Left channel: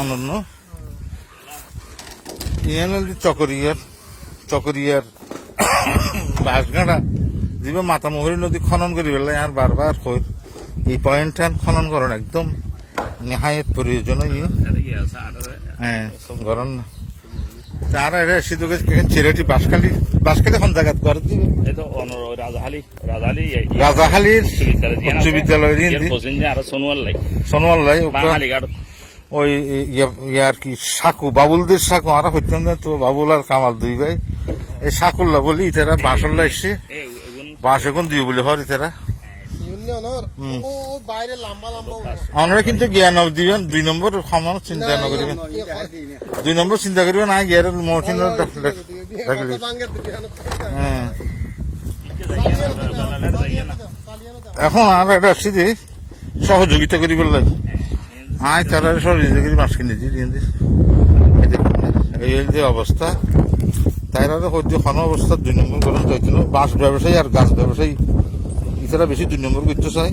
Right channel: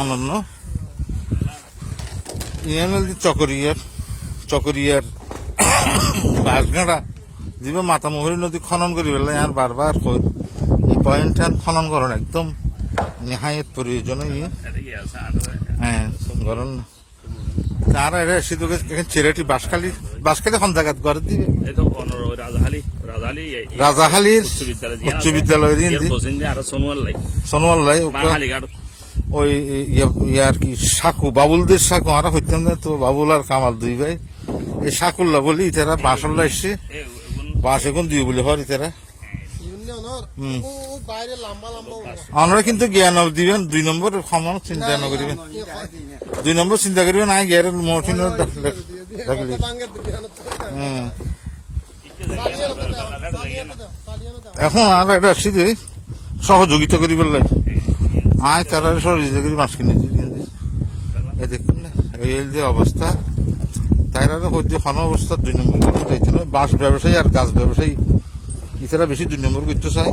অনন্য ইয়ান হল চকরিয়ার চকরিয়ার বাসগাড়া যিবা মাতামহরী নদী খনন করি পেলাই আর বারবার কই এই পয়েন্টটা খনন করুন একদম নেহায়ত প্রয়োজন হ্যাঁ গরম না। তার এটা বাসখালি বাসখালি জায়গা করে দিবে। উচ্চ বিদ্যালয়ের আর ওই কি সাকু বাবুলদের সাকু আমরা হইতাম না তো বাবুল আর কামাল দুই ভাই। এই সাকুল্লা বলি ইতারা বাঁশল্লা এসছে। বাঁশ এখন দুই বলে হর ইতারা। আমরা কিন্তু জ্ঞান দিবেন দুই নম্বর সমান চিন্তা ন করিবেন দুই নম্বর চিন্তা করিবেন না গিয়ার মহসিন ডাকলে কত ভাঙ্গে দিবি, অনেক টাকা। চালিয়ে আনো তো দাও, চালিয়ে আনো। দাও, চালিয়ে আনো দাও। এখন আর এটা আসছি যে সহযোগিতা করি বললাম আয় তারা সহযোগিতা করি মাছ কিনে এই যে অবস্থা। তাইরা হচ্ছে খন অবস্থা দুই নম্বর বাঁশ ব্যবসায়ী আর গাছ ব্যবসায়ী। ইতারা বেশি দুই নম্বর করতে চায়